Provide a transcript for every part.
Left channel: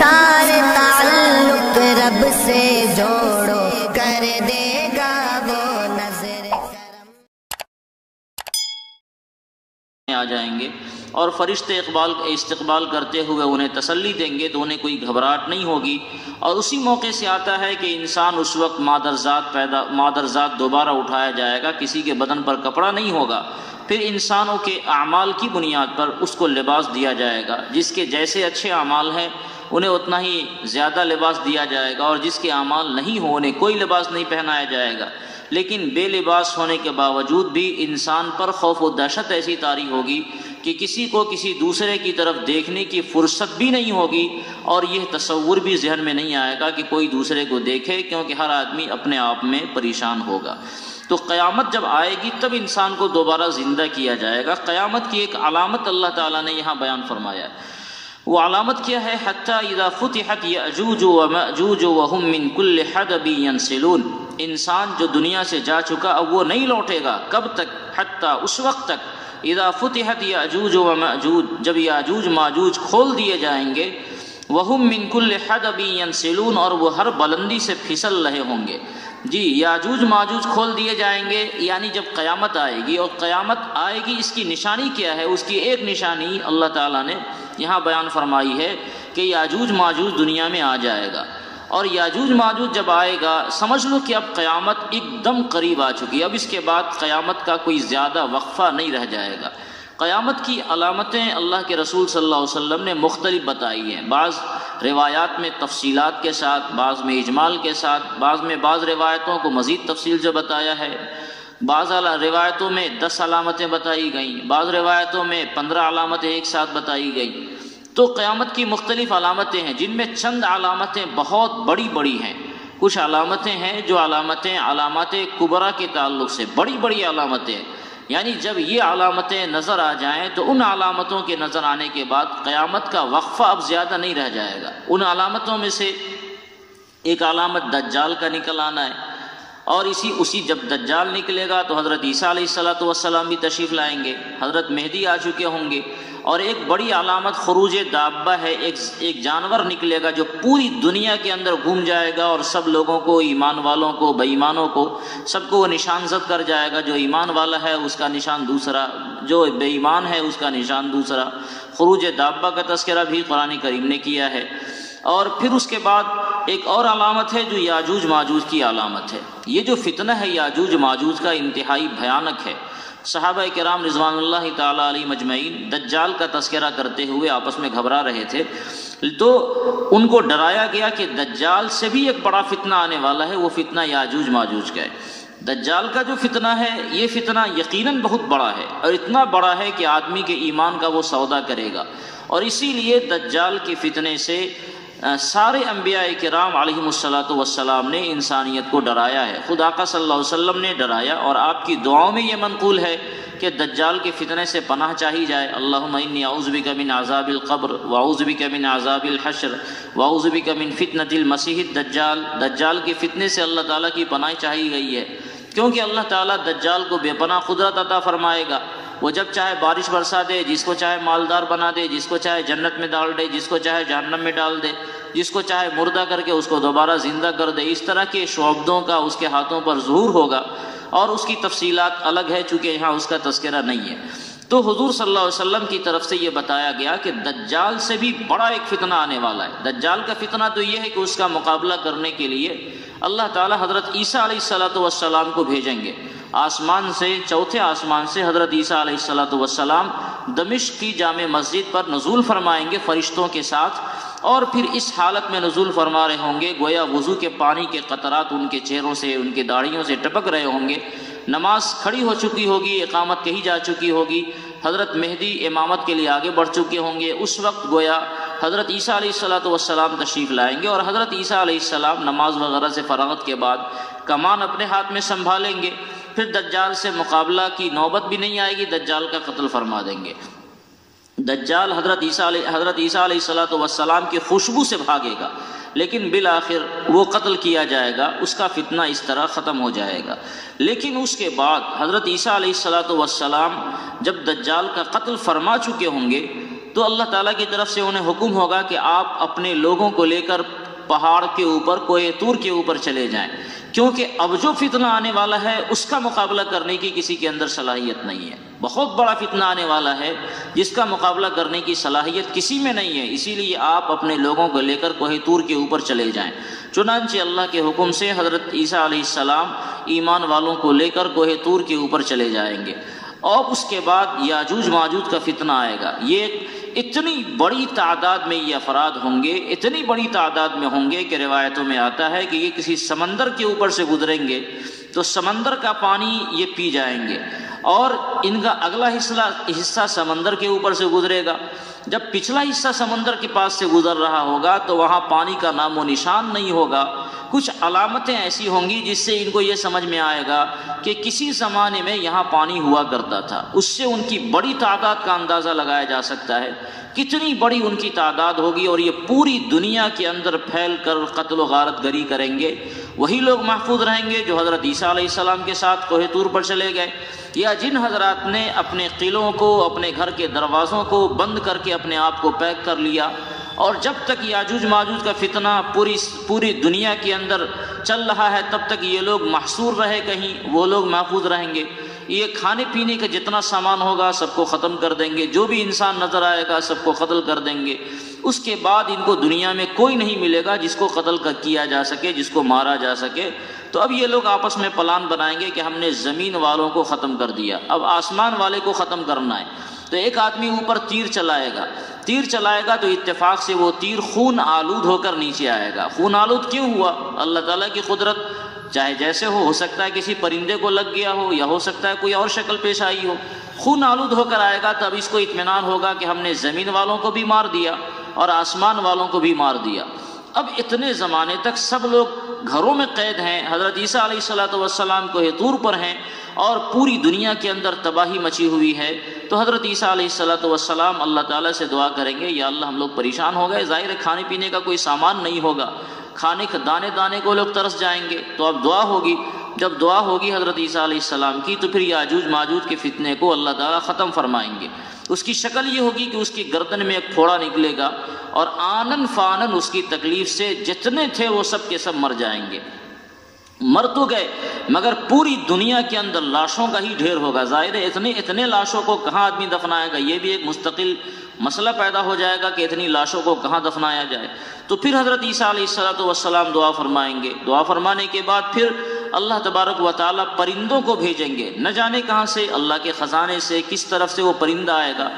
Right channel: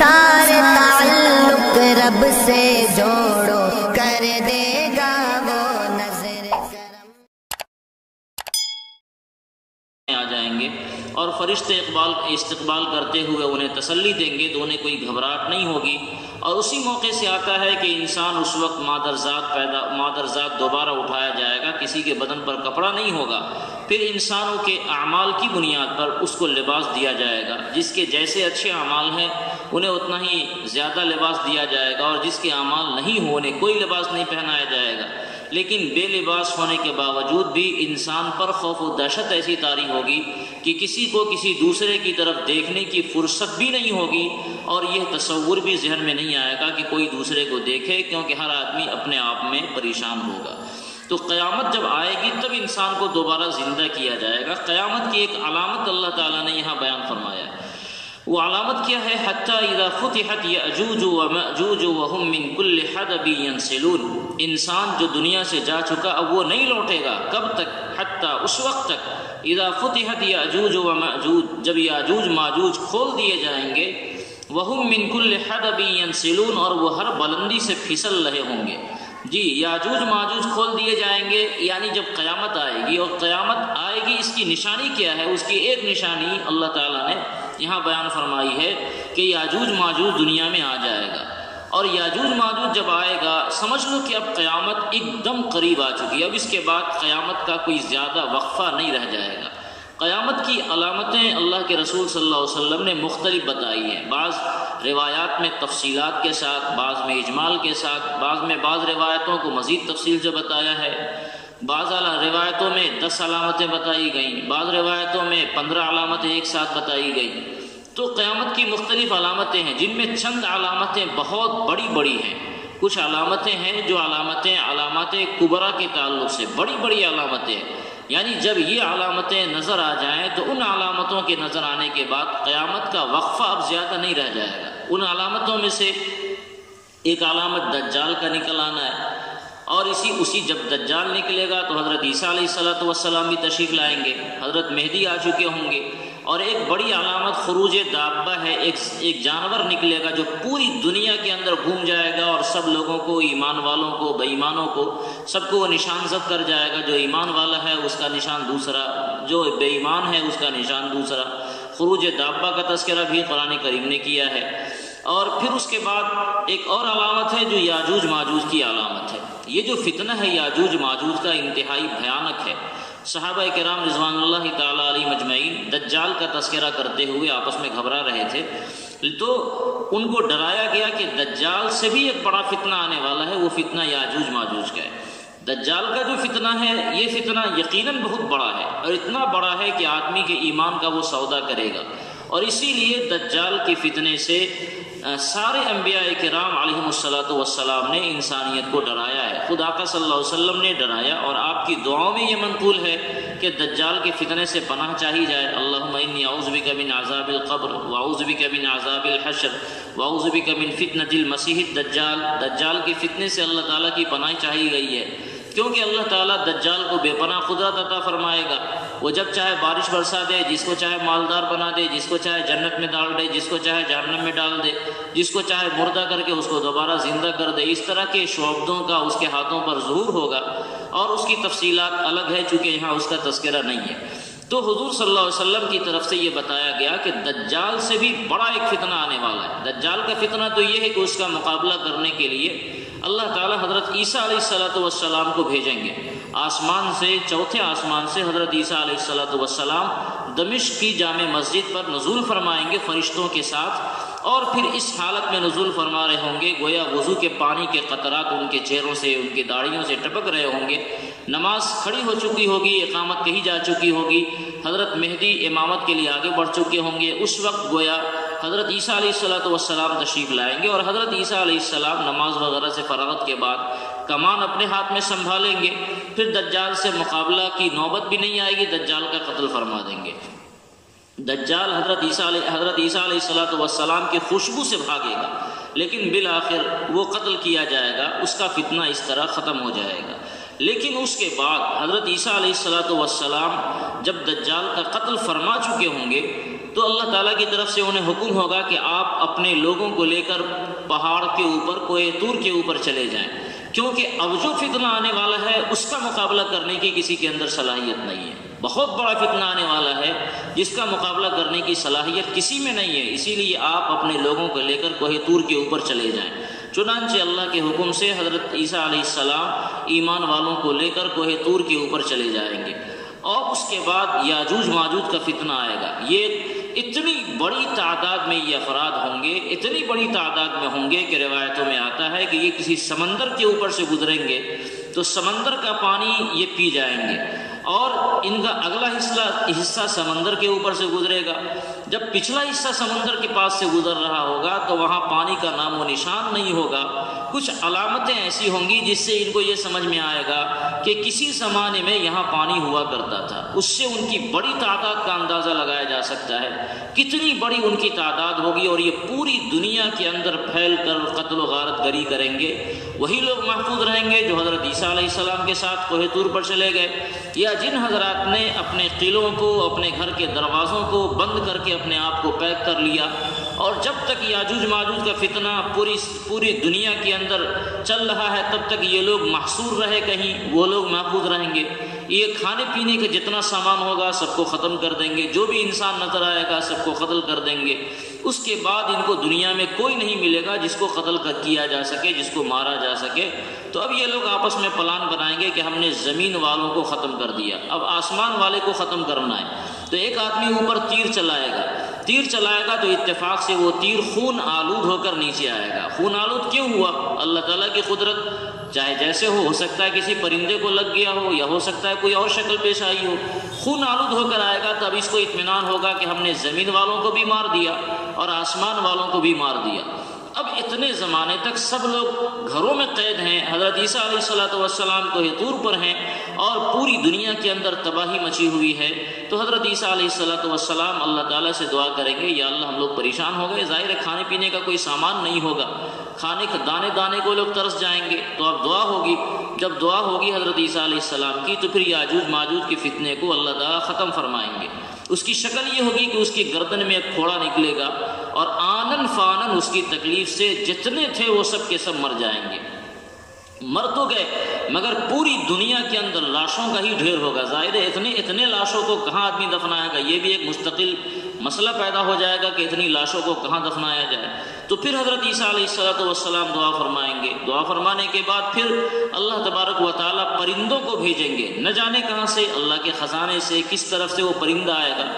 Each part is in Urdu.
سارے تعلق رب سے جوڑو، کر دے گا وہ نظر کرم۔ آ جائیں گے اور فرشتے استقبال کرتے ہوئے انہیں تسلی دیں گے تو انہیں کوئی گھبراہٹ نہیں ہوگی، اور اسی موقع سے آتا ہے کہ انسان اس وقت مادرزاد دوبارہ اٹھایا جائے گا، کسی کے بدن پر کپڑا نہیں ہوگا، پھر انسانوں کے اعمال کی بنیاد پر اس کو لباس دیا جائے گا، جس کے جیسے اچھے اعمال ہیں انہیں اتنا ہی زیادہ لباس دیا جائے گا، اور جس کے اعمال نہیں ہوں انہیں کوئی لباس نہیں پہنایا جائے گا۔ لیکن بے لباس ہونے کے باوجود بھی انسان پر خوف و دہشت ایسی طاری ہوگی کہ کسی کو کسی دوسرے کی طرف دیکھنے کی فرصت بھی نہیں ہوگی، اور یہ تصور بھی ذہن میں نہیں آئے گا کہ کوئی دوسرے کو دیکھے، کیونکہ ہر آدمی اپنے آپ میں پریشان ہوگا۔ تو قیامت جب آئے گی تب انسان کو دوبارہ زندہ کیا جائے گا۔ قیامت کی ایک علامت اللہ تعالیٰ نے یہاں بیان فرمایا ہے، وہ علامت کیا ہے؟ حتی اذا فتحت یأجوج ومأجوج وهم من کل حدب ینسلون، انسان جو دنیا سے جا چکا اب وہ نہیں لوٹے گا، کب تک؟ حتی اس وقت تک، اذا فتحت یأجوج ومأجوج، جب یاجوج ماجوج کھول دیے جائیں گے، وهم من کل حدب ینسلون، اور وہ ہر بلندی سے پھسل رہے ہوں گے۔ جی، یاجوج ماجوج کھول دیے جائیں گے، یعنی جب قیامت آئے گی، اور قیامت آئے گی اس کی نشانی کیا ہے؟ اس کی ایک نشانی اللہ تعالیٰ نے یہاں بیان فرمائی ہے کہ یاجوج ماجوج دنیا میں آ جائے گا، اور یاجوج ماجوج جب آئے گا سمجھ لو کہ اب قیامت ایک دم قریب آ چکی ہے، اب اس کے بعد قیامت کا کوئی زیادہ وقفہ نہیں رہ جائے گا۔ قیامت کی علامتیں اللہ کے رسول صلی اللہ علیہ وسلم نے مختلف بتائی ہیں، بعض روایات میں تفصیلات کے ساتھ، بعض میں اجمال کے ساتھ، بعض روایتوں کو مزید تفصیل سے بتایا ہے، بعض روایتوں میں 10 علامتیں بتائی گئیں، بعض روایتوں میں 15 علامتیں ایک ساتھ بتائی گئیں۔ تو قیامت کی مختلف علامتیں ہیں، جن میں چند علامتیں بہت بڑی بڑی ہیں، کچھ علامتیں ہیں جو علامات کبریٰ کے تعلق سے بڑی بڑی علامتیں، یعنی جب یہ علامتیں نظر آ جائیں تو ان علامتوں کے نظر آنے کے بعد قیامت کا وقفہ اب زیادہ نہیں رہ جائے گا۔ ان علامتوں میں سے ایک علامت دجال کا نکل آنا ہے، اور اسی جب دجال نکلے گا تو حضرت عیسیٰ علیہ السلام بھی تشریف لائیں گے، حضرت مہدی آ چکے ہوں گے، اور ایک بڑی علامت خروج دابہ ہے، ایک جانور نکلے گا جو پوری دنیا کے اندر گھوم جائے گا، اور سب لوگوں کو، ایمان والوں کو، بے ایمانوں کو، سب کو وہ نشان زد کر جائے گا۔ جو ایمان والا ہے اس کا نشان دوسرا، جو بے ایمان ہے اس کا نشان دوسرا۔ خروج دابہ کا تذکرہ بھی قرآن کریم نے کیا ہے۔ اور پھر اس کے بعد ایک اور علامت ہے جو یاجوج ماجوج کی علامت ہے۔ یہ جو فتنہ ہے یاجوج ماجوج کا انتہائی بھیانک ہے۔ صحابہ کرام رضوان اللہ تعالیٰ علیہ مجمعین دجال کا تذکرہ کرتے ہوئے آپس میں گھبرا رہے تھے، تو ان کو ڈرایا گیا کہ دجال سے بھی ایک بڑا فتنہ آنے والا ہے، وہ فتنہ یاجوج ماجوج کا ہے۔ دجال کا جو فتنہ ہے یہ فتنہ یقیناً بہت بڑا ہے، اور اتنا بڑا ہے کہ آدمی کے ایمان کا وہ سودا کرے گا، اور اسی لیے دجال کے فتنے سے سارے انبیاء کرام علیہم السلام نے انسانیت کو ڈرایا ہے۔ خود آقا صلی اللہ علیہ وسلم نے ڈرایا، اور آپ کی دعاؤں میں یہ منقول ہے کہ دجال کے فتنے سے پناہ چاہی جائے۔ اللہم انی اعوذ بک من عذاب القبر واعوذ بک من عذاب الحشر واعوذ بک من فتنۃ المسیح الدجال۔ دجال کے فتنے سے اللہ تعالیٰ کی پناہ چاہی گئی ہے، کیونکہ اللہ تعالیٰ دجال کو بے پناہ قدرت عطا فرمائے گا۔ وہ جب چاہے بارش برسا دے، جس کو چاہے مالدار بنا دے، جس کو چاہے جنت میں ڈال دے، جس کو چاہے جہنم میں ڈال دے، جس کو چاہے مردہ کر کے اس کو دوبارہ زندہ کر دے۔ اس طرح کے شعبدوں کا اس کے ہاتھوں پر ظہور ہوگا، اور اس کی تفصیلات الگ ہے چونکہ یہاں اس کا تذکرہ نہیں ہے۔ تو حضور صلی اللہ علیہ وسلم کی طرف سے یہ بتایا گیا کہ دجال سے بھی بڑا ایک فتنہ آنے والا ہے۔ دجال کا فتنہ تو یہ ہے کہ اس کا مقابلہ کرنے کے لیے اللہ تعالیٰ حضرت عیسیٰ علیہ السلام کو بھیجیں گے آسمان سے، چوتھے آسمان سے حضرت عیسیٰ علیہ السلام دمشق کی جامع مسجد پر نزول فرمائیں گے فرشتوں کے ساتھ، اور پھر اس حالت میں نزول فرما رہے ہوں گے گویا وضو کے پانی کے قطرات ان کے چہروں سے، ان کے داڑھیوں سے ٹپک رہے ہوں گے۔ نماز کھڑی ہو چکی ہوگی، اقامت کہی جا چکی ہوگی، حضرت مہدی امامت کے لیے آگے بڑھ چکے ہوں گے۔ اس وقت گویا حضرت عیسیٰ علیہ السلام تشریف لائیں گے، اور حضرت عیسیٰ علیہ السلام نماز وغیرہ سے فراغت کے بعد کمان اپنے ہاتھ میں سنبھالیں گے، پھر دجال سے مقابلہ کی نوبت بھی نہیں آئے گی، دجال کا قتل فرما دیں گے۔ دجال حضرت عیسیٰ علیہ السلام کی خوشبو سے بھاگے گا، لیکن بالآخر وہ قتل کیا جائے گا، اس کا فتنہ اس طرح ختم ہو جائے گا۔ لیکن اس کے بعد حضرت عیسیٰ علیہ السلام جب دجال کا قتل فرما چکے ہوں گے تو اللہ تعالیٰ کی طرف سے انہیں حکم ہوگا کہ آپ اپنے لوگوں کو لے کر پہاڑ کے اوپر کوہ طور کے اوپر چلے جائیں، کیونکہ اب جو فتنہ آنے والا ہے اس کا مقابلہ کرنے کی کسی کے اندر صلاحیت نہیں ہے۔ بہت بڑا فتنہ آنے والا ہے جس کا مقابلہ کرنے کی صلاحیت کسی میں نہیں ہے، اسی لیے آپ اپنے لوگوں کو لے کر کوہ طور کے اوپر چلے جائیں۔ چنانچہ اللہ کے حکم سے حضرت عیسیٰ علیہ السلام ایمان والوں کو لے کر کوہ طور کے اوپر چلے جائیں گے، اور اس کے بعد یاجوج ماجوج کا فتنہ آئے گا۔ یہ اتنی بڑی تعداد میں یہ افراد ہوں گے، اتنی بڑی تعداد میں ہوں گے کہ روایتوں میں آتا ہے کہ یہ کسی سمندر کے اوپر سے گزریں گے تو سمندر کا پانی یہ پی جائیں گے، اور ان کا اگلا حصہ سمندر کے اوپر سے گزرے گا۔ جب پچھلا حصہ سمندر کے پاس سے گزر رہا ہوگا تو وہاں پانی کا نام و نشان نہیں ہوگا۔ کچھ علامتیں ایسی ہوں گی جس سے ان کو یہ سمجھ میں آئے گا کہ کسی زمانے میں یہاں پانی ہوا کرتا تھا۔ اس سے ان کی بڑی تعداد کا اندازہ لگایا جا سکتا ہے، کتنی بڑی ان کی تعداد ہوگی، اور یہ پوری دنیا کے اندر پھیل کر قتل و غارت گری کریں گے۔ وہی لوگ محفوظ رہیں گے جو حضرت عیسیٰ علیہ السلام کے ساتھ کوہ طور پر چلے گئے، یا جن حضرات نے اپنے قلعوں کو، اپنے گھر کے دروازوں کو بند کر کے اپنے آپ کو پیک کر لیا، اور جب تک یاجوج ماجوج کا فتنہ پوری دنیا کے اندر چل رہا ہے تب تک یہ لوگ محصور رہے کہیں، وہ لوگ محفوظ رہیں گے۔ یہ کھانے پینے کا جتنا سامان ہوگا سب کو ختم کر دیں گے، جو بھی انسان نظر آئے گا سب کو قتل کر دیں گے۔ اس کے بعد ان کو دنیا میں کوئی نہیں ملے گا جس کو قتل کیا جا سکے، جس کو مارا جا سکے۔ تو اب یہ لوگ آپس میں پلان بنائیں گے کہ ہم نے زمین والوں کو ختم کر دیا، اب آسمان والے کو ختم کرنا ہے۔ تو ایک آدمی اوپر تیر چلائے گا تو اتفاق سے وہ تیر خون آلود ہو کر نیچے آئے گا۔ خون آلود کیوں ہوا؟ اللہ تعالیٰ کی قدرت، چاہے جیسے ہو سکتا ہے کسی پرندے کو لگ گیا ہو، یا ہو سکتا ہے کوئی اور شکل پیش آئی ہو۔ خون آلود ہو کر آئے گا تب اس کو اطمینان ہوگا کہ ہم نے زمین والوں کو بھی مار دیا اور آسمان والوں کو بھی مار دیا۔ اب اتنے زمانے تک سب لوگ گھروں میں قید ہیں، حضرت عیسیٰ علیہ السلام کوہ طور پر ہیں، اور پوری دنیا کے اندر تباہی مچی ہوئی ہے۔ تو حضرت عیسیٰ علیہ السلام اللہ تعالیٰ سے دعا کریں گے، یا اللہ ہم لوگ پریشان ہو گئے، ظاہر ہے کھانے پینے کا کوئی سامان نہیں ہوگا، کھانے کے دانے دانے کو لوگ ترس جائیں گے۔ تو اب دعا ہوگی، جب دعا ہوگی حضرت عیسیٰ علیہ السلام کی تو پھر یاجوج ماجوج کے فتنے کو اللہ تعالیٰ ختم فرمائیں گے۔ اس کی شکل یہ ہوگی کہ اس کی گردن میں ایک پھوڑا نکلے گا، اور آنن فانن اس کی تکلیف سے جتنے تھے وہ سب کے سب مر جائیں گے۔ مر تو گئے مگر پوری دنیا کے اندر لاشوں کا ہی ڈھیر ہوگا۔ ظاہر ہے اتنے لاشوں کو کہاں آدمی دفنائے گا، یہ بھی ایک مستقل مسئلہ پیدا ہو جائے گا کہ اتنی لاشوں کو کہاں دفنایا جائے۔ تو پھر حضرت عیسیٰ علیہ السلام دعا فرمائیں گے، دعا فرمانے کے بعد پھر اللہ تبارک و تعالیٰ پرندوں کو بھیجیں گے، نہ جانے کہاں سے، اللہ کے خزانے سے کس طرف سے وہ پرندہ آئے گا،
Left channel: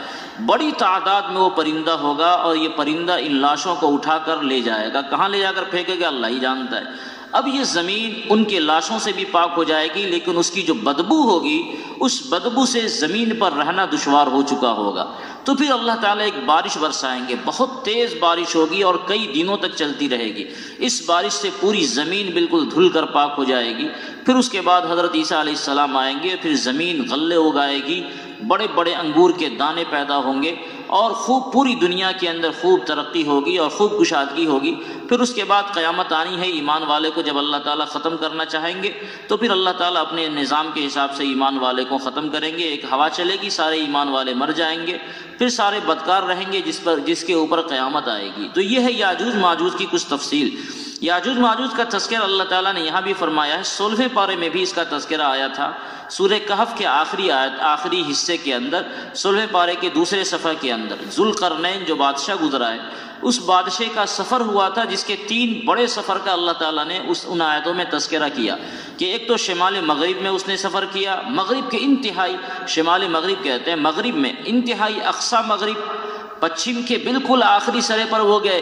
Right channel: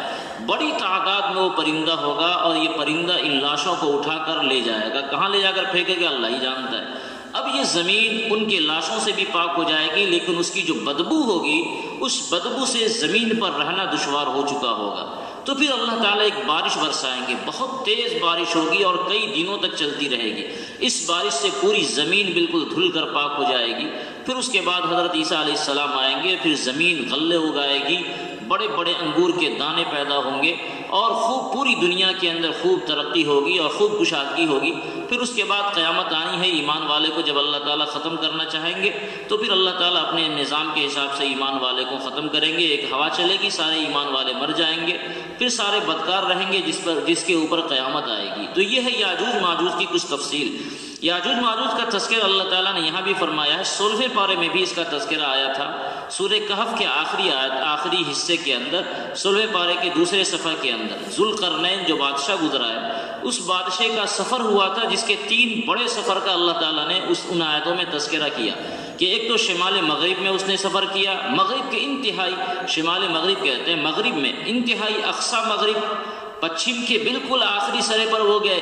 بڑی تعداد میں وہ پرندہ ہوگا، اور یہ پرندہ ان لاشوں کو اٹھا کر لے جائے گا۔ کہاں لے جا کر پھینکے گا اللہ ہی جانتا ہے۔ اب یہ زمین ان کے لاشوں سے بھی پاک ہو جائے گی، لیکن اس کی جو بدبو ہوگی اس بدبو سے زمین پر رہنا دشوار ہو چکا ہوگا۔ تو پھر اللہ تعالیٰ ایک بارش برسائیں گے، بہت تیز بارش ہوگی اور کئی دنوں تک چلتی رہے گی۔ اس بارش سے پوری زمین بالکل دھل کر پاک ہو جائے گی۔ پھر اس کے بعد حضرت عیسیٰ علیہ السلام آئیں گے، پھر زمین غلے اگائے گی، بڑے بڑے انگور کے دانے پیدا ہوں گے، اور خوب پوری دنیا کے اندر خوب ترقی ہوگی اور خوب کشادگی ہوگی۔ پھر اس کے بعد قیامت آنی ہے۔ ایمان والے کو جب اللہ تعالیٰ ختم کرنا چاہیں گے تو پھر اللہ تعالیٰ اپنے نظام کے حساب سے ایمان والے کو ختم کریں گے۔ ایک ہوا چلے گی، سارے ایمان والے مر جائیں گے، پھر سارے بدکار رہیں گے جس کے اوپر قیامت آئے گی۔ تو یہ ہے یاجوج ماجوج کی کچھ تفصیل۔ یاجوج ماجوج کا تذکرہ اللہ تعالیٰ نے یہاں بھی فرمایا ہے، 16ویں پارے میں بھی اس کا تذکرہ آیا تھا، سورہ کہف کے آخری حصے کے اندر، 16ویں پارے کے دوسرے صفحے کے اندر ذوالقرنین جو بادشاہ گزرا ہے، اس بادشاہ کا سفر ہوا تھا، جس کے 3 بڑے سفر کا اللہ تعالیٰ نے ان آیتوں میں تذکرہ کیا کہ ایک تو شمال مغرب میں اس نے سفر کیا، مغرب کے انتہائی، شمال مغرب کہتے ہیں مغرب میں، انتہائی اقصی مغرب، پچھم کے بالکل آخری سرے پر وہ گئے،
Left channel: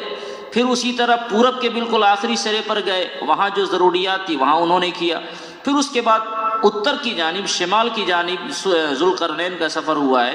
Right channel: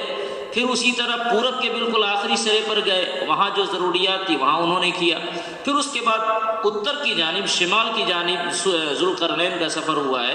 پھر اسی طرح پورب کے بالکل آخری سرے پر گئے، وہاں جو ضروریات تھی وہاں انہوں نے کیا، پھر اس کے بعد اتر کی جانب، شمال کی جانب ذوالقرنین کا سفر ہوا ہے،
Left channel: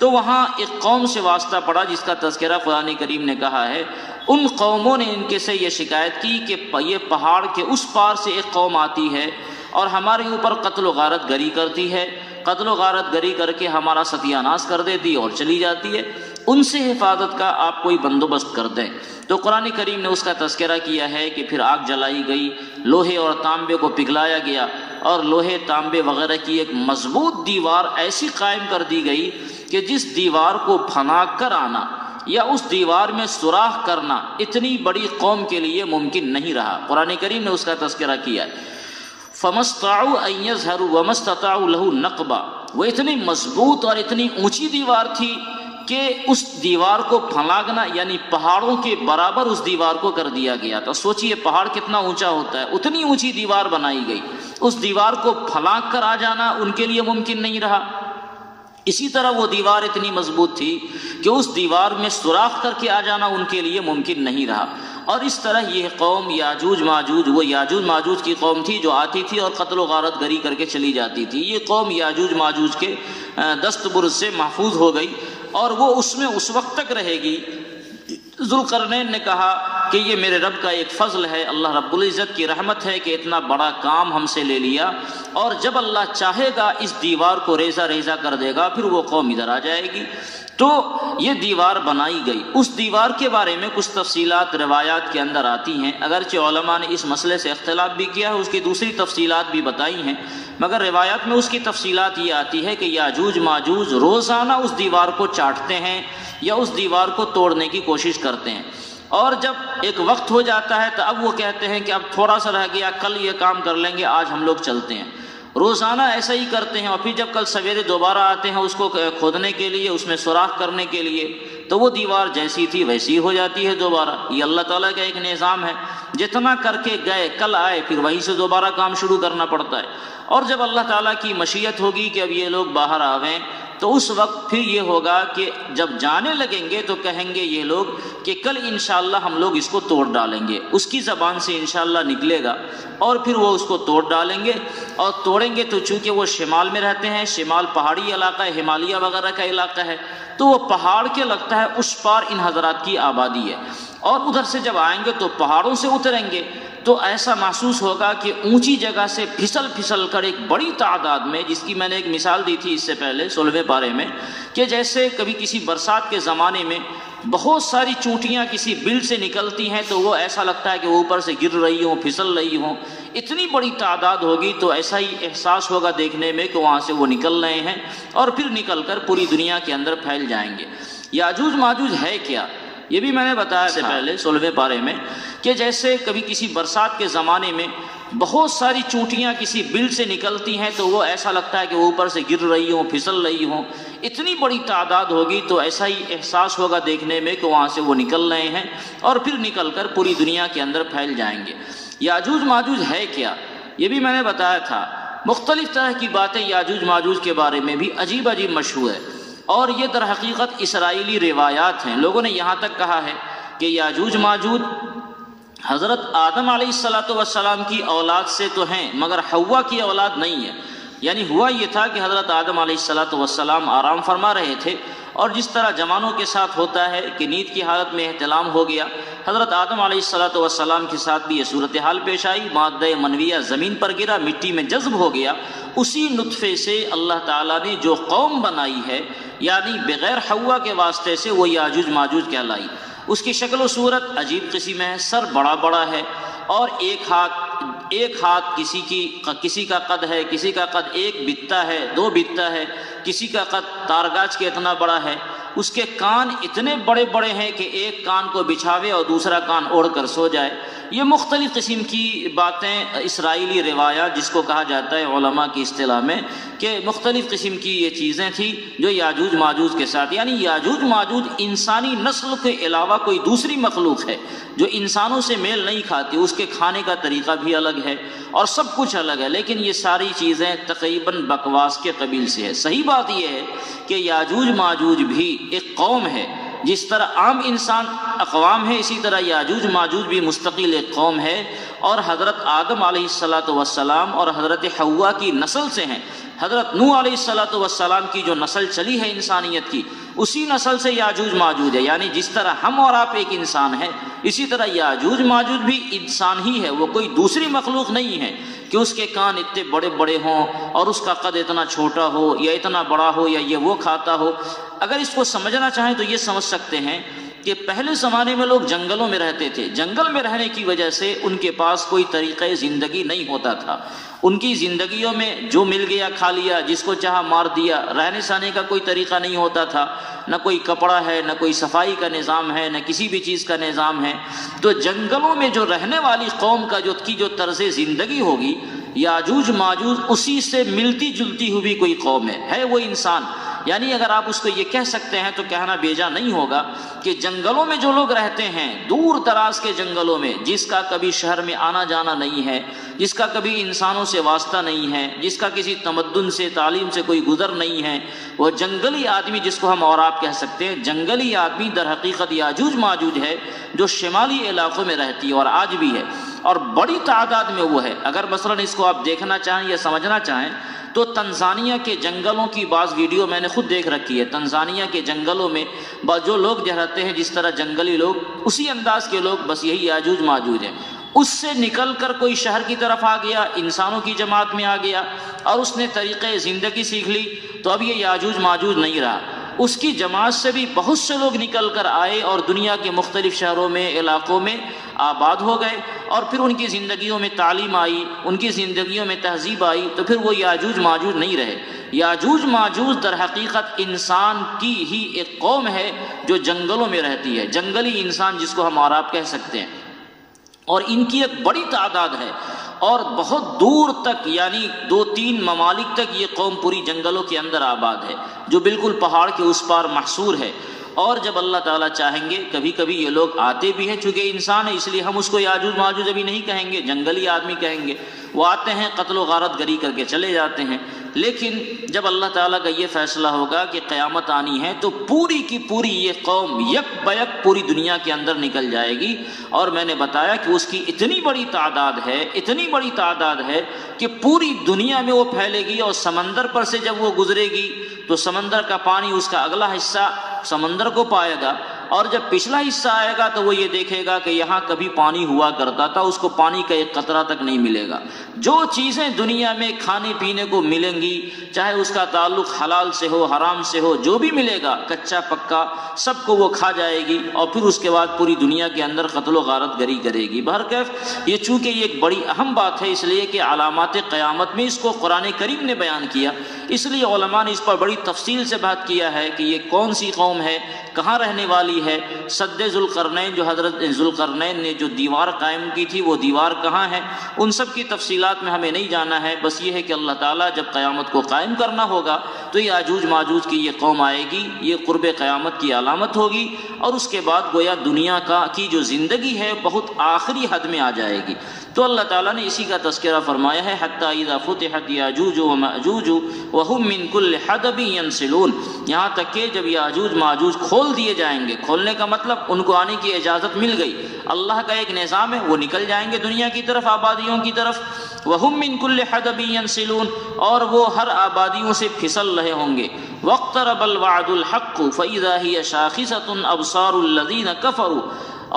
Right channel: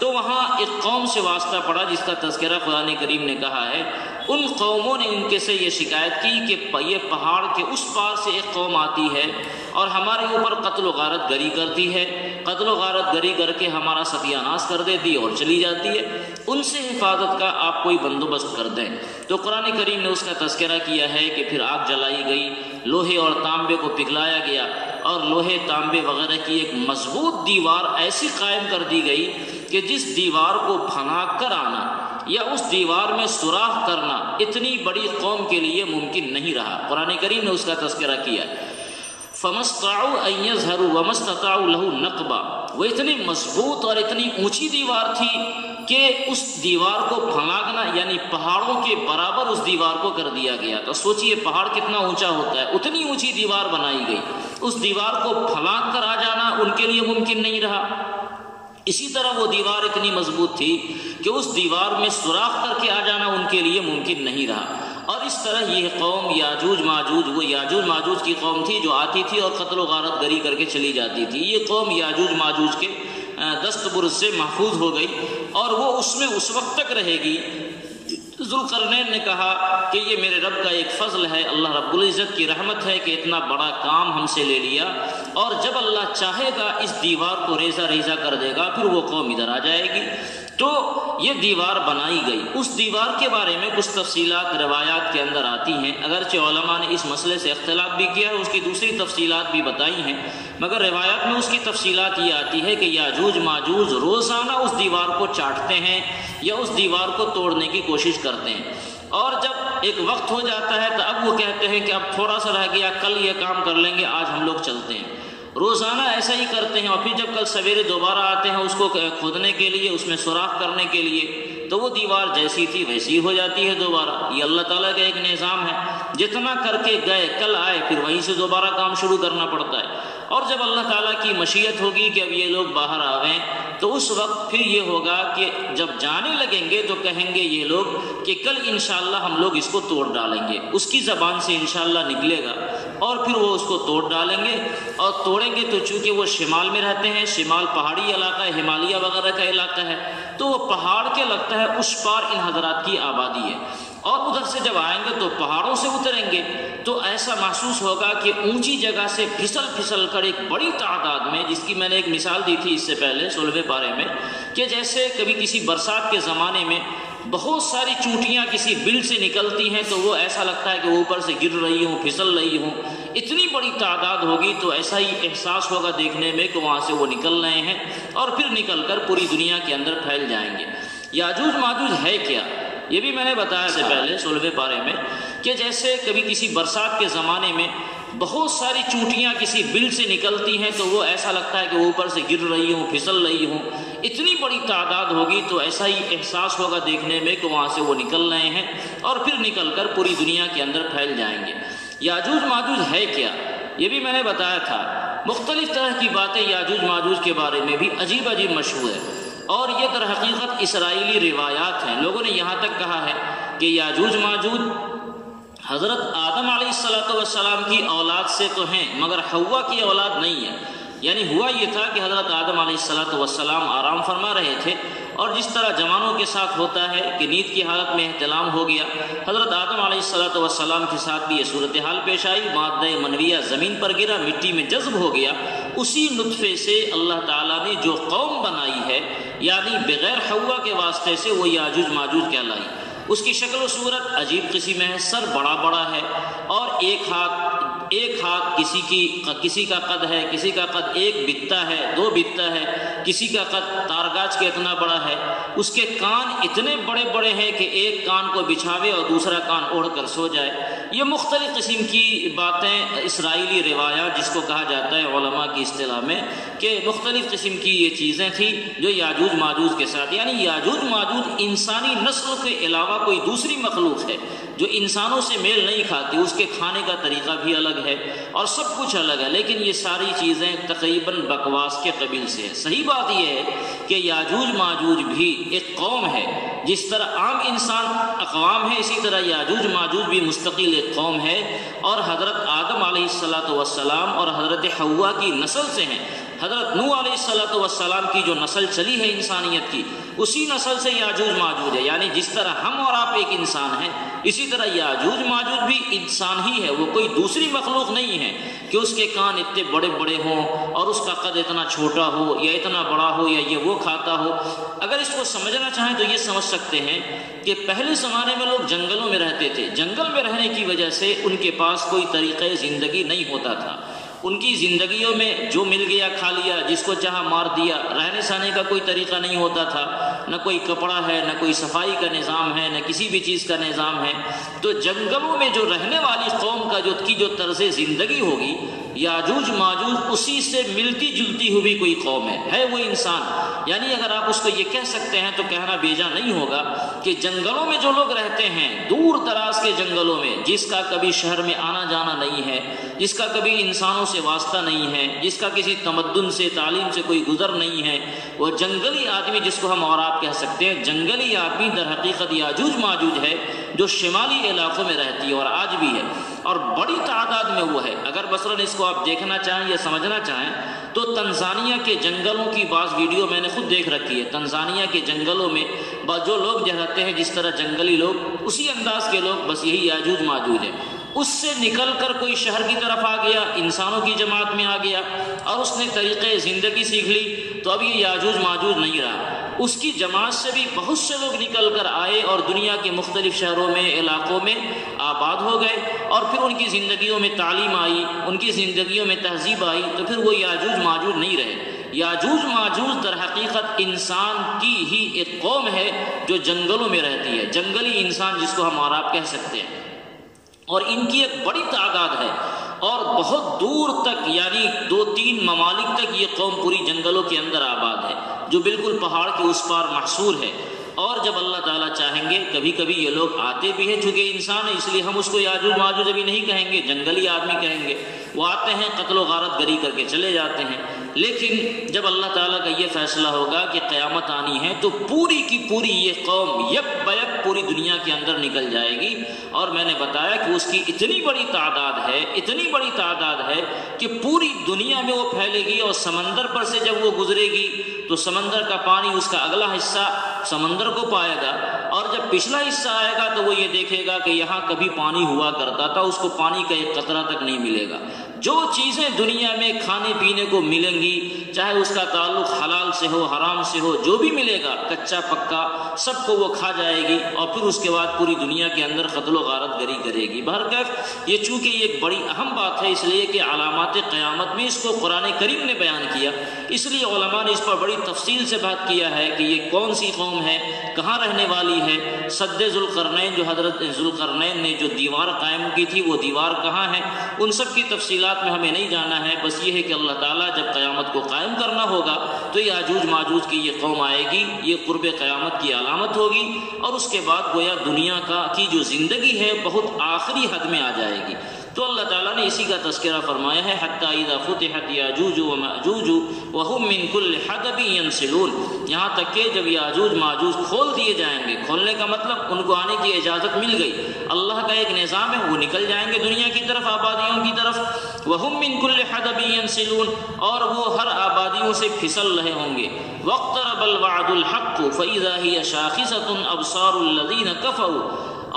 تو وہاں ایک قوم سے واسطہ پڑا جس کا تذکرہ قرآن کریم نے کہا ہے۔ ان قوموں نے ان کے سے یہ شکایت کی کہ یہ پہاڑ کے اس پار سے ایک قوم آتی ہے اور ہمارے اوپر قتل و غارت گری کرتی ہے، قتل و غارت گری کر کے ہمارا ستیہ ناش کر دیتی اور چلی جاتی ہے، ان سے حفاظت کا آپ کوئی بندوبست کر دیں۔ تو قرآن کریم نے اس کا تذکرہ کیا ہے کہ پھر آگ جلائی گئی، لوہے اور تانبے کو پگھلایا گیا، اور لوہے تانبے وغیرہ کی ایک مضبوط دیوار ایسی قائم کر دی گئی کہ جس دیوار کو پھنا کر آنا یا اس دیوار میں سوراخ کرنا اتنی بڑی قوم کے لیے ممکن نہیں رہا۔ قرآن کریم نے اس کا تذکرہ کیا ہے، فَمَا اسْطَاعُوا أَن يَظْهَرُوا وَمَا اسْتَطَاعُوا لَهُ نَقْبًا، وہ اتنی مضبوط اور اتنی اونچی دیوار تھی کہ اس دیوار کو پھلانگنا یعنی پہاڑوں کے برابر اس دیوار کو کر دیا گیا تھا۔ سوچئے پہاڑ کتنا اونچا ہوتا ہے، اتنی اونچی دیوار بنائی گئی، اس دیوار کو پھلانگ کر آ جانا ان کے لیے ممکن نہیں رہا۔ اسی طرح وہ دیوار اتنی مضبوط تھی کہ اس دیوار میں سوراخ کر کے آ جانا ان کے لیے ممکن نہیں رہا۔ اور اس طرح یہ قوم یاجوج ماجوج، وہ یاجوج ماجوج کی قوم تھی جو آتی تھی اور قتل و غارت گری کر کے چلی جاتی تھی، یہ قوم یاجوج ماجوج کے دست برد سے محفوظ ہو گئی اور وہ اس میں اس وقت تک رہے گی۔ ذوالقرنین نے کہا کہ یہ میرے رب کا ایک فضل ہے، اللہ رب العزت کی رحمت ہے کہ اتنا بڑا کام ہم سے لے لیا، اور جب اللہ چاہے گا اس دیوار کو ریزہ ریزہ کر دے گا، پھر وہ قوم ادھر آ جائے گی۔ تو یہ دیوار بنائی گئی۔ اس دیوار کے بارے میں کچھ تفصیلات روایات کے اندر آتی ہیں، اگرچہ علماء نے اس مسئلے سے اختلاف بھی کیا ہے، اس کی دوسری تفصیلات بھی بتائی ہیں، مگر روایات میں اس کی تفصیلات یہ آتی ہے کہ یاجوج ماجوج روزانہ اس دیوار کو چاٹتے ہیں یا اس دیوار کو توڑنے کی کوشش کرتے ہیں، اور جب ایک وقت ہو جاتا ہے تو اب وہ کہتے ہیں کہ اب تھوڑا سا رہ گیا، کل یہ کام کر لیں گے، آج ہم لوگ چلتے ہیں۔ روزانہ ایسا ہی کرتے ہیں، اور پھر جب کل سویرے دوبارہ آتے ہیں اس کو کھودنے کے لیے، اس میں سوراخ کرنے کے لیے، تو وہ دیوار جیسی تھی ویسی ہو جاتی ہے دوبارہ۔ یہ اللہ تعالیٰ کا ایک نظام ہے، جتنا کر کے گئے کل آئے پھر وہیں سے دوبارہ کام شروع کرنا پڑتا ہے۔ اور جب اللہ تعالیٰ کی مشیت ہوگی کہ اب یہ لوگ باہر آ گئے تو اس وقت پھر یہ ہوگا کہ جب جانے لگیں گے تو کہیں گے یہ لوگ کہ کل انشاءاللہ ہم لوگ اس کو توڑ ڈالیں گے، اس کی زبان سے انشاءاللہ نکلے گا، اور پھر وہ اس کو توڑ ڈالیں گے۔ اور توڑیں گے تو چونکہ وہ شمال میں رہتے ہیں، شمال پہاڑی علاقہ ہے، ہمالیہ وغیرہ کا علاقہ ہے، تو وہ پہاڑ کے لگتا ہے اس پار ان حضرات کی آبادی ہے، اور ادھر سے جب آئیں گے تو پہاڑوں سے اتریں گے تو ایسا محسوس ہوگا کہ اونچی جگہ سے پھسل پھسل کر ایک بڑی تعداد میں، جس کی میں نے ایک مثال دی تھی اس سے پہلے 16ویں پارے میں، کہ جیسے کبھی کسی برسات کے زمانے میں بہت ساری چونٹیاں کسی بل سے نکلتی ہیں تو وہ ایسا لگتا ہے کہ وہ اوپر سے گر رہی ہوں، پھسل رہی ہوں، اتنی بڑی تعداد ہوگی تو ایسا ہی احساس ہوگا دیکھنے میں کہ وہاں سے وہ نکل رہے ہیں اور پھر نکل کر پوری دنیا کے اندر پھیل جائیں گے۔ یاجوج ماجوج ہے کیا؟ یہ بھی میں نے بتایا سے پہلے 16ویں پارے میں کہ جیسے کبھی کسی برسات کے زمانے میں بہت ساری چونٹیاں کسی بل سے نکلتی ہیں تو وہ ایسا لگتا ہے کہ وہ اوپر سے گر رہی ہوں، پھسل رہی ہوں، اتنی بڑی تعداد ہوگی تو ایسا ہی احساس ہوگا دیکھنے میں کہ وہاں سے وہ نکل رہے ہیں اور پھر نکل کر پوری دنیا کے اندر پھیل جائیں گے۔ یاجوج ماجوج ہے کیا؟ یہ بھی میں نے بتایا تھا۔ مختلف طرح کی باتیں یاجوج ماجوج کے بارے میں بھی عجیب عجیب مشہور ہے، اور یہ در حقیقت اسرائیلی روایات ہیں۔ لوگوں نے یہاں تک کہا ہے کہ یاجوج ماجوج حضرت آدم علیہ السلام کی اولاد سے تو ہیں مگر حوا کی اولاد نہیں ہے۔ یعنی ہوا یہ تھا کہ حضرت آدم علیہ السلام آرام فرما رہے تھے، اور جس طرح جوانوں کے ساتھ ہوتا ہے کہ نیند کی حالت میں احتلام ہو گیا، حضرت آدم علیہ السلام کے ساتھ بھی یہ صورتحال پیش آئی، مادہ منویہ زمین پر گرا، مٹی میں جذب ہو گیا۔ اسی نطفے سے اللہ تعالیٰ نے جو قوم بنائی ہے، یعنی بغیر حوا کے واسطے سے، وہ یاجوج ماجوج کہلائی۔ اس کی شکل و صورت عجیب قسم ہے، سر بڑا بڑا ہے، اور ایک ہاتھ کسی کا قد ہے، کسی کا قد ایک بتہ ہے، 2 بتہ ہے، کسی کا قد تارگاچ کے اتنا بڑا ہے۔ اس کے کان اتنے بڑے بڑے ہیں کہ ایک کان کو بچھاوے اور دوسرا کان اوڑھ کر سو جائے۔ یہ مختلف قسم کی باتیں، اسرائیلی روایات جس کو کہا جاتا ہے علماء کی اصطلاح میں، کہ مختلف قسم کی یہ چیزیں تھیں جو یاجوج ماجوج کے ساتھ، یعنی یاجوج ماجوج انسانی نسل کے علاوہ کوئی دوسری مخلوق ہے جو انسانوں سے میل نہیں کھاتی، اس کے کھانے کا طریقہ بھی الگ ہے اور سب کچھ الگ ہے، لیکن یہ ساری چیزیں تقریباً بکواس کے قبیل سے ہے۔ صحیح بات یہ ہے کہ یاجوج ماجوج بھی ایک قوم ہے، جس طرح عام انسان اقوام ہے، اسی طرح یاجوج ماجوج بھی مستقل ایک قوم ہے، اور حضرت آدم علیہ السلام اور حضرت حوا کی نسل سے ہیں۔ حضرت نوح علیہ السلام کی جو نسل چلی ہے انسانیت کی، اسی نسل سے یاجوج ماجوج ہے۔ یعنی جس طرح ہم اور آپ ایک انسان ہیں، اسی طرح یاجوج ماجوج بھی انسان ہی ہے، وہ کوئی دوسری مخلوق نہیں ہے کہ اس کے کان اتنے بڑے بڑے ہوں اور اس کا قد اتنا چھوٹا ہو یا اتنا بڑا ہو یا یہ وہ کھاتا ہو۔ اگر اس کو سمجھنا چاہیں تو یہ سمجھ سکتے ہیں کہ پہلے زمانے میں لوگ جنگلوں میں رہتے تھے، جنگل میں رہنے کی وجہ سے ان کے پاس کوئی طریقہ زندگی نہیں ہوتا تھا، ان کی زندگیوں میں جو مل گیا کھا لیا، جس کو چاہا مار دیا، رہنے سہنے کا کوئی طریقہ نہیں ہوتا تھا، نہ کوئی کپڑا ہے، نہ کوئی صفائی کا نظام ہے، نہ کسی بھی چیز کا نظام ہے۔ تو جنگلوں میں جو رہنے والی قوم کا جو طرز زندگی ہوگی، یاجوج ماجوج اسی سے ملتی جلتی ہوئی کوئی قوم ہے وہ انسان۔ یعنی اگر آپ اس کو یہ کہہ سکتے ہیں تو کہنا بیجا نہیں ہوگا کہ جنگلوں میں جو لوگ رہتے ہیں، دور دراز کے جنگلوں میں، جس کا کبھی شہر میں آنا جانا نہیں ہے، جس کا کبھی انسانوں سے واسطہ نہیں ہے، جس کا کسی تمدن سے تعلیم سے کوئی گزر نہیں ہے، وہ جنگلی آدمی جس کو ہم اور آپ کہہ سکتے ہیں، جنگلی آدمی در حقیقت یاجوج ماجوج ہے جو شمالی علاقوں میں رہتی ہے اور آج بھی ہے، اور بڑی تعداد میں وہ ہے۔ اگر مثلا اس کو آپ دیکھنا چاہیں یا سمجھنا چاہیں تو تنزانیہ کے جنگلوں کی بعض ویڈیو میں نے خود دیکھ رکھی ہے۔ تنزانیہ کے جنگلوں میں جو لوگ رہتے ہیں، جس طرح جنگلی لوگ، اسی انداز کے لوگ، بس یہی یاجوج ماجوج ہیں۔ اس سے نکل کر کوئی شہر کی طرف آ گیا، انسانوں کی جماعت میں آ گیا اور اس نے طریقے زندگی سیکھ لی، تو اب یہ یاجوج ماجوج نہیں رہا۔ اس کی جماعت سے بھی بہت سے لوگ نکل کر آئے اور دنیا کے مختلف شہروں میں، علاقوں میں آباد ہو گئے، اور پھر ان کی زندگیوں میں تعلیم آئی، ان کی زندگیوں میں تہذیب آئی، تو پھر وہ یاجوج ماجوج نہیں رہے۔ یاجوج ماجوج در حقیقت انسان کی ہی ایک قوم ہے جو جنگلوں میں رہتی ہے، جنگلی انسان جس کو ہم اور آپ کہہ سکتے ہیں، اور ان کی ایک بڑی تعداد ہے، اور بہت دور تک، یعنی 2-3 ممالک تک یہ قوم پوری جنگلوں کے اندر آباد ہے، جو بالکل پہاڑ کے اس پار محصور ہے۔ اور جب اللہ تعالیٰ چاہیں گے، کبھی کبھی یہ لوگ آتے بھی ہیں، چونکہ انسان ہے اس لیے ہم اس کو یاجوج ماجوج ابھی نہیں کہیں گے، جنگلی آدمی کہیں گے۔ وہ آتے ہیں، قتل و غارت گری کر کے چلے جاتے ہیں، لیکن جب اللہ تعالیٰ کا یہ فیصلہ ہوگا کہ قیامت آنی ہے تو پوری کی پوری یہ قوم یک بیک پوری دنیا کے اندر نکل جائے گی۔ اور میں نے بتایا کہ اس کی اتنی بڑی تعداد ہے کہ پوری دنیا میں وہ پھیلے گی، اور سمندر پر سے جب وہ گزرے گی تو سمندر کا پانی اس کا اگلا حصہ سمندر کو پائے گا، اور جب پچھلا حصہ آئے گا تو وہ یہ دیکھے گا کہ یہاں کبھی پانی ہوا کرتا تھا، اس کو پانی کا ایک قطرہ تک نہیں ملے گا۔ جو چیزیں دنیا میں کھانے پینے کو ملیں گی، چاہے اس کا تعلق حلال سے ہو حرام سے ہو، جو بھی ملے گا کچا پکا سب کو وہ کھا جائے گی، اور پھر اس کے بعد پوری دنیا کے اندر قتل و غارت گری کرے گی۔ بہرکیف یہ چونکہ یہ ایک بڑی اہم بات ہے، اس لیے کہ علامات قیامت میں اس کو قرآن کریم نے بیان کیا، اس لیے علماء نے اس پر بڑی تفصیل سے بات کیا ہے کہ یہ کون سی قوم ہے، کہاں رہنے والی ہے۔ سد ذوالقرنین، جو حضرت ذوالقرنین نے جو دیوار قائم کی تھی، وہ دیوار کہاں ہے، ان سب کی تفصیلات میں ہمیں نہیں جانا ہے، بس یہ ہے کہ اللہ تعالیٰ جب قیامت کو قائم کرنا ہوگا تو یاجوج ماجوج کی یہ قوم آئے گی، یہ قرب قیامت کی علامت ہوگی، اور اس کے بعد گویا دنیا کی جو زندگی ہے بہت آخری حد میں آ جائے گی۔ تو اللہ تعالیٰ نے اسی کا تذکرہ فرمایا ہے، حتی اذا فتحت یاجوج وماجوج وهم من کل حدب ینسلون، یہاں تک کہ جب یاجوج ماجوج کھول دیے جائیں گے، کھولنے کا مطلب ان کو آنے کی اجازت مل گئی، اللہ کا ایک نظام ہے، وہ نکل جائیں گے دنیا کی طرف، آبادیوں کی طرف، وهم من کل حدب ینسلون، اور وہ ہر آبادیوں سے پھسل رہے ہوں گے۔ واقترب الوعد الحق فاذا هي شاخصة ابصار الذين كفروا،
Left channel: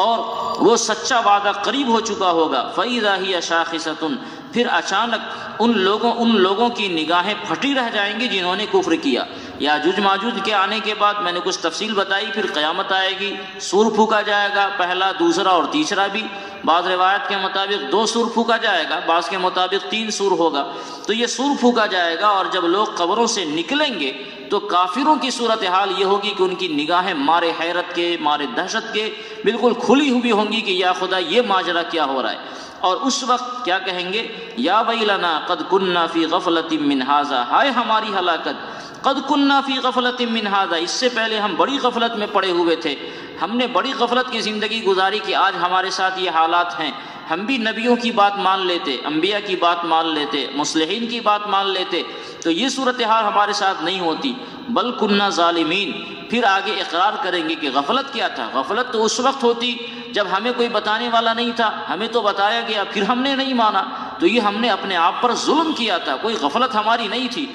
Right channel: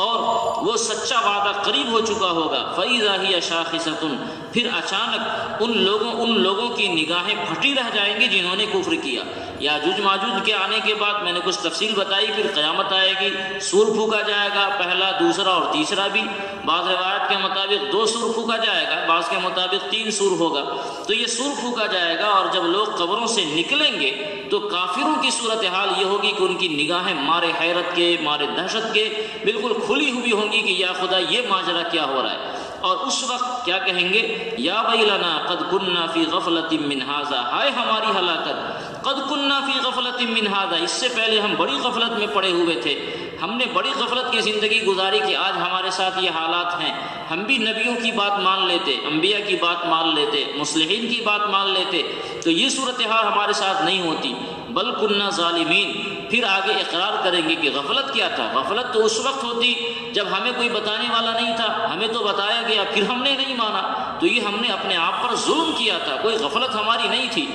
اور وہ سچا وعدہ قریب ہو چکا ہوگا، فَإِذَا هِيَ شَاخِصَةٌ، پھر اچانک ان لوگوں کی نگاہیں پھٹی رہ جائیں گی جنہوں نے کفر کیا۔ یاجوج ماجوج کے آنے کے بعد میں نے کچھ تفصیل بتائی، پھر قیامت آئے گی، سور پھونکا جائے گا، پہلا، دوسرا اور تیسرا بھی، بعض روایت کے مطابق 2 سور پھونکا جائے گا، بعض کے مطابق 3 سور ہوگا۔ تو یہ سور پھونکا جائے گا، اور جب لوگ قبروں سے نکلیں گے تو کافروں کی صورتحال یہ ہوگی کہ ان کی نگاہیں مارے حیرت کے، مارے دہشت کے بالکل کھلی ہوئی ہوں گی کہ یا خدا یہ ماجرا کیا ہو رہا ہے، اور اس وقت کیا کہیں گے، یا ویلنا قد کننا فی غفلۃ من ھذا، ہائے ہماری ہلاکت، قد کننا فی غفلۃ من ھذا، اس سے پہلے ہم بڑی غفلت میں پڑے ہوئے تھے، ہم نے بڑی غفلت کی زندگی گزاری کہ آج ہمارے ساتھ یہ حالات ہیں۔ ہم بھی نبیوں کی بات مان لیتے، انبیاء کی بات مان لیتے، مصلحین کی بات مان لیتے، تو یہ صورتحال ہمارے ساتھ نہیں ہوتی، بل کننا ظالمین۔ پھر آگے اقرار کریں گے کہ غفلت کیا تھا، غفلت تو اس وقت ہوتی جب ہمیں کوئی بتانے والا نہیں تھا، ہمیں تو بتایا گیا پھر ہم نے نہیں مانا، تو یہ ہم نے اپنے آپ پر ظلم کیا تھا، کوئی غفلت ہماری نہیں تھی۔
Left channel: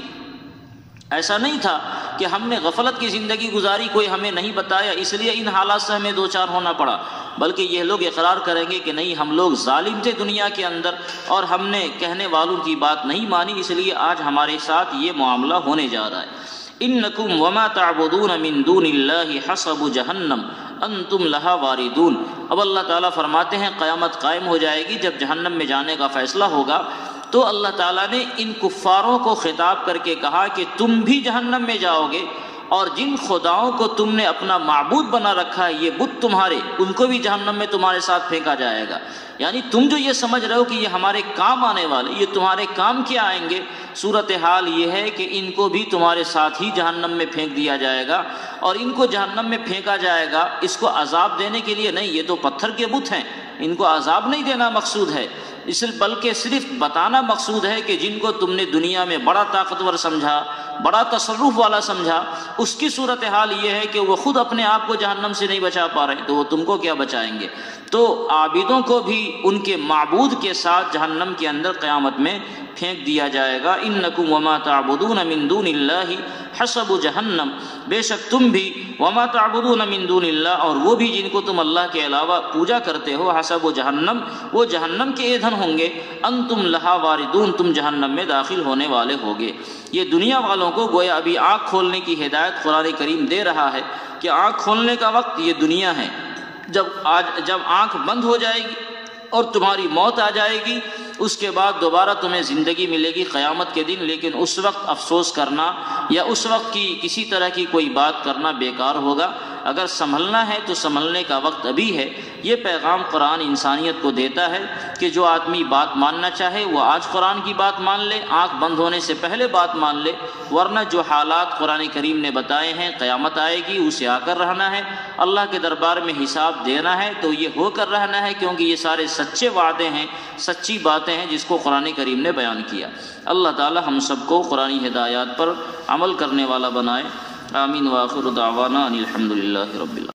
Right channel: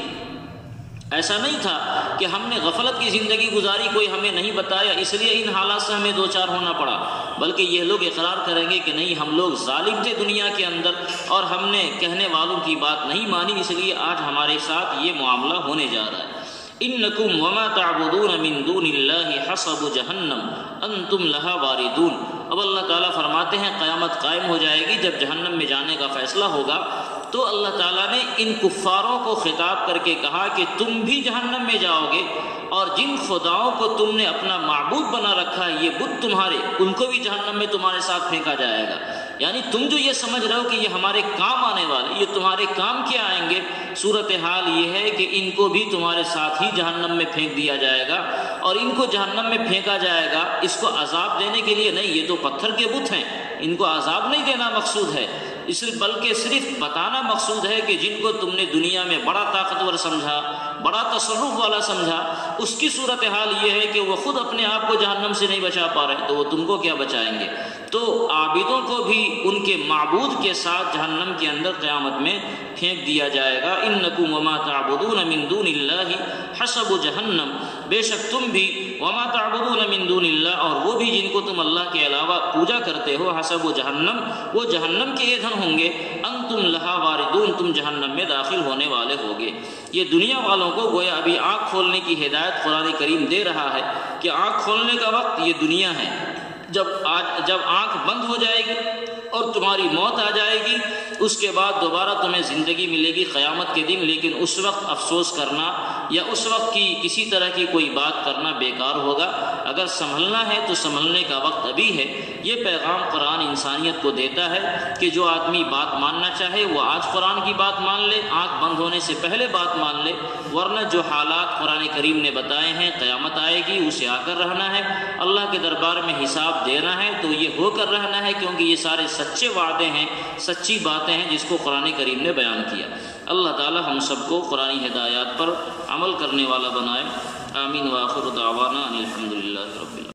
ایسا نہیں تھا کہ ہم نے غفلت کی زندگی گزاری، کوئی ہمیں نہیں بتایا، اس لیے ان حالات سے ہمیں 2-4 ہونا پڑا، بلکہ یہ لوگ اقرار کریں گے کہ نہیں، ہم لوگ ظالم تھے دنیا کے اندر، اور ہم نے کہنے والوں کی بات نہیں مانی، اس لیے آج ہمارے ساتھ یہ معاملہ ہونے جا رہا ہے۔ انکم وما تعبدون من دون اللہ حسب جہنم انتم لہا واردون۔ اب اللہ تعالیٰ فرماتے ہیں قیامت قائم ہو جائے گی، جب جہنم میں جانے کا فیصلہ ہوگا تو اللہ تعالیٰ نے ان کفاروں کو خطاب کر کے کہا کہ تم بھی جہنم میں جاؤ گے، اور جن خداؤں کو تم نے اپنا معبود بنا رکھا ہے، یہ بت تمہارے، ان کو بھی جہنم میں تمہارے ساتھ پھینکا جائے گا۔ یعنی تم جو یہ سمجھ رہے ہو کہ یہ ہمارے کام آنے والے، یہ تمہارے کام کیا آئیں گے، صورتحال یہ ہے کہ ان کو بھی تمہارے ساتھ ہی جہنم میں پھینک دیا جائے گا، اور ان کو جہنم میں پھینکا جائے گا اس کو عذاب دینے کے لیے نہیں، یہ تو پتھر کے بت ہیں، ان کو عذاب نہیں دینا مقصود ہے، بلکہ صرف بتانا مقصود ہے کہ جن کو تم نے دنیا میں بڑا طاقتور سمجھا، بڑا تصرف والا سمجھا، اس کی صورتحال یہ ہے کہ وہ خود اپنے آپ کو جہنم سے نہیں بچا پا رہے، تو وہ تم کو کیا بچائیں گے۔ تو عابدوں کو بھی ان کے معبود کے ساتھ جہنم کے اندر قیامت میں پھینک دیا جائے گا۔ انکم وما تعبدون من دون اللہ حسب جہنم، بے شک تم بھی وما تعبدون من دون اللہ، اور وہ بھی جن کو تم اللہ کے علاوہ پوجا کرتے ہو، حسب جہنم، وہ جہنم کے ایندھن ہوں گے، انتم لہا واردون، تم جہنم میں داخل ہونے والے ہوگے۔ یہ دنیا والوں کو گویا ابھی آنکھ کھولنے کی ہدایت قرآن کریم دے رہا ہے کہ آنکھ کھولنے کا وقت یہ دنیا ہے، جب آنکھ بند ہو جائے گی اور تمہاری موت آ جائے گی، اس کے بعد دوبارہ تمہیں زندگی ملے گی قیامت کے دن، لیکن اس وقت افسوس کرنا یا اس وقت کی کسی طرح کی کوئی بات کرنا بیکار ہوگا۔ اگر سنبھلنا ہے تو سنبھلنے کا وقت ابھی ہے۔ یہ پیغام قرآن انسانیت کو دیتا ہے کہ جو آدمی بات ماننا چاہے وہ آج قرآن کی بات مان لے، آنکھ بند ہونے سے پہلے بات مان لے، ورنہ جو حالات قرآن کریم نے بتائے ہیں، قیامت آئے گی، اسے آ کر رہنا ہے، اللہ کے دربار میں حساب دینا ہے، تو یہ ہو کر رہنا ہے، کیونکہ یہ سارے سچے وعدے ہیں، سچی باتیں ہیں جس کو قرآن کریم نے بیان کیا۔ اللہ تعالی ہم سب کو قرآنی ہدایات پر عمل کرنے والا بنائے۔ آمین وآخر دعوانا ان الحمد للہ رب العالمین۔